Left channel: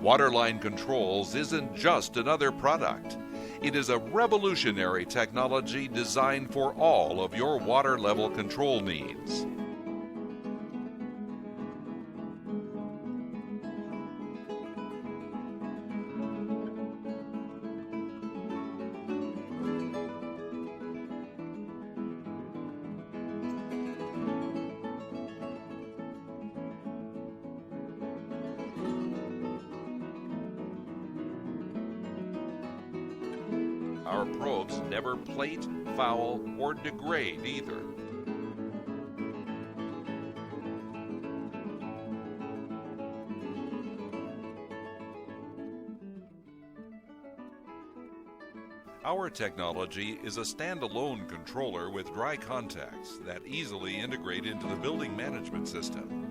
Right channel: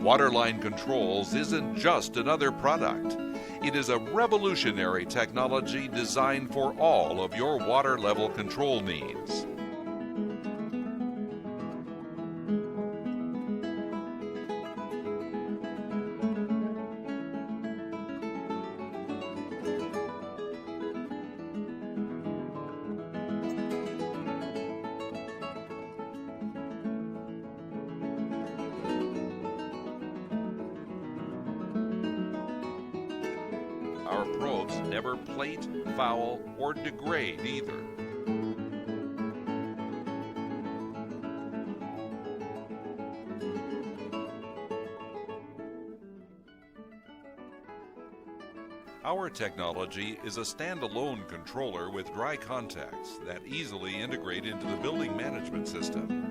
Waterline Controls isn't just another product. It is a revolutionary technology designed for all of your water level control needs. Our probes never plate, foul, or degrade either. Our technology is a standalone controller with dry contacts that easily integrate into the building management system.